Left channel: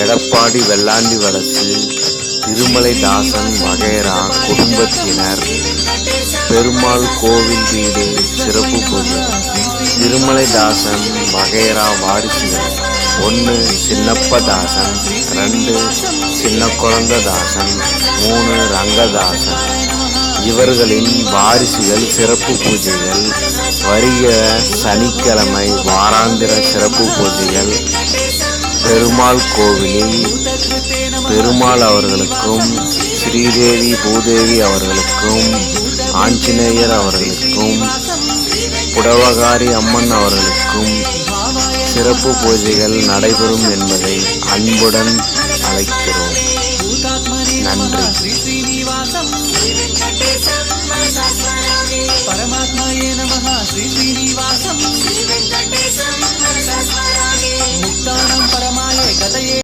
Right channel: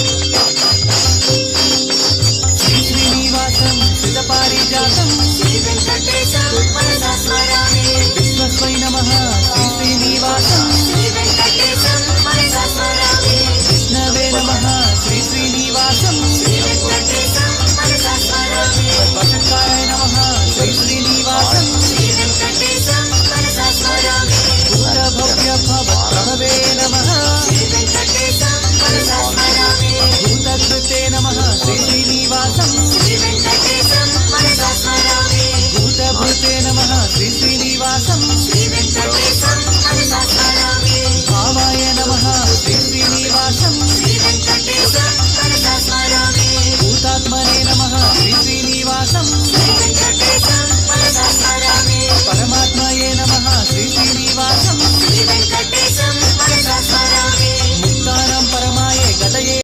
எடப்பாடி வெள்ளாண்டி வலசு திருமலை தாசன் வகைரா குடும்பத்தினர் பெருமாள் கோவில் வீடு சிறப்பு திருமலை தாசன் வகைரா வாரிசுகள் 1 சின்னப்ப தாசன் 2 சின்ன குழந்தை தாசன் 3 ரங்கதாசன் இவர்களின் வாரிசுகள் சிறப்பு பூஜைகள் வருக சனிக்கிழமை வாராந்திர சிறப்பு பூஜைகள் பெருமாள் கோவிலில் பெருமாள் அவர்களுக்கும் ஸ்ரீதேவி பூதேவி அவர்களுக்கும் ஆஞ்சநேயர் அவர்களுக்கும் புடவகாரி அம்மன் அவர்களுக்கும் சிறப்பு பூஜைகள் நடைபெறும் என்பதை அன்புடன் அழைக்கிறோம். பூதாத்மனே நமः ஸ்ரீ ஸ்ரீனிவாசம் பரமாத்மயே நமः ஸ்ரீ ஸ்ரீனிவாசம் முக்தானம் பரமாயே கதயே